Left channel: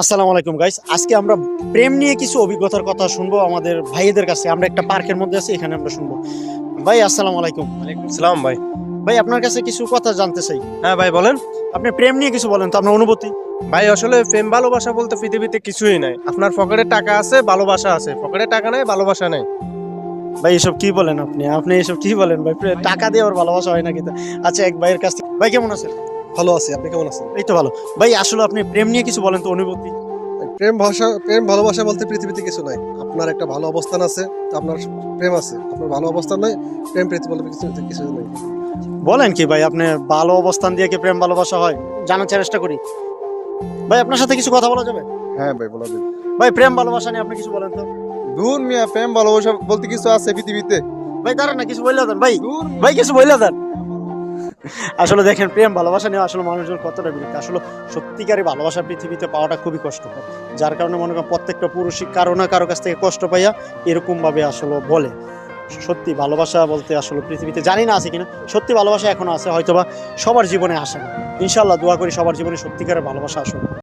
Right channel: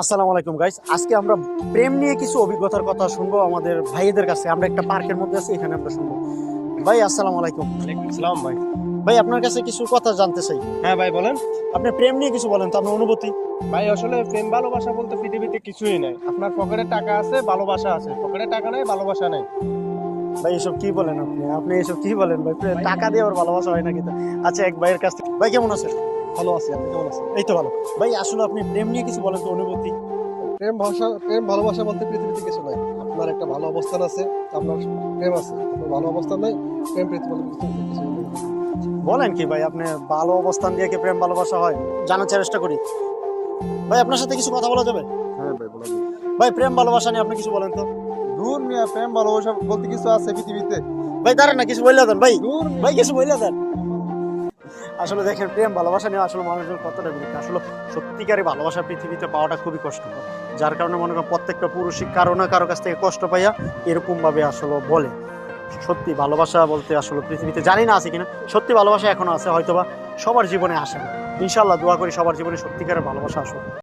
আসসালামু আলাইকুম গাইস, আজকে আমরা প্রেম নিয়ে কিছু অভিজ্ঞতার কথা শুনবো আমাদের ভাইদের কাছে। আমরা একটা পার্কের মধ্যে আছি, এখানে আমরা শুনবো। ভাই আসসালামু আলাইকুম। সালাম ভাই। ভাই আপনার কাছে কিছু কথা জানতে চাই। হ্যাঁ ভাই বলেন। আপনি প্রেম নিয়ে কিছু বলেন তো, আপনার অনুভূতি। ভাই আসলে প্রেম ভালোবাসা বলতে পৃথিবীতে কিছুই নাই। আপনার পকেটে টাকা আছে, ভালোবাসা আছে, পকেটে টাকা নাই, ভালোবাসা নাই। ভাই এসব কি বলেন আপনি আপনি এসব কি বলেন ভাই? টাকা দিয়ে ওর ভালোবাসা হয় না কিন্তু। আচ্ছা, এক ভাইয়ের কাছ থেকে। ভাই কেমন আছেন? ভালো আছি, আপনি কেমন আছেন? এই তো ভালো। ভাই আসলে আপনি প্রেম নিয়ে কিছু বলেন তো, অনুভূতি। প্রেম ভালোবাসা বলতে পৃথিবীতে কিছু নাই। আপনার একটা ভালো অবস্থান আছে, আপনার প্রেম আছে। আপনার ভালো অবস্থান নাই, প্রেম প্রীতি বলতে কিছু নেই। বলেন কি ভাই, আপনি ভালো অবস্থান দিয়ে কি প্রেম ভালোবাসা হয়? জানার চেষ্টা করি। ভাই আপনার সাথে কিছু কথা বলা যাবে? হ্যাঁ ভাই, বলা যায়। ভাই প্রেম ভালোবাসা নিয়ে আপনি কিছু বলেন তো। দূর মিয়া, প্রেম ভালোবাসা বলতে কিছু আছে পৃথিবীতে? ভাই দাঁড়ান না, কিছু বললে দেন ভাই। দূর ভাই কিছু বললে দেন। আসলে দেখেন, প্রেম ভালোবাসা নিয়ে আসলে মানুষজন কতটা বিরক্ত। আসলে সত্যিকারের ভালোবাসা পৃথিবীতে পাওয়াটা খুবই কষ্টকর। যার কারণে মনে করেন প্রত্যেকটা পুরুষই কারো না কারো কাছ থেকে কষ্ট পাইয়া এরকম ভাবে আসলে বলে। সত্যি ভালোবাসা বলতে আসলে পৃথিবীতে জানি না আছে কিনা, সত্যি ভালোবাসা এখনো আছে, হয়তোবা সবার জীবনে আসে না। ইনশাল্লাহ দোয়া করি সবার জীবনে সত্যিকারের ভালোবাসা আসুক।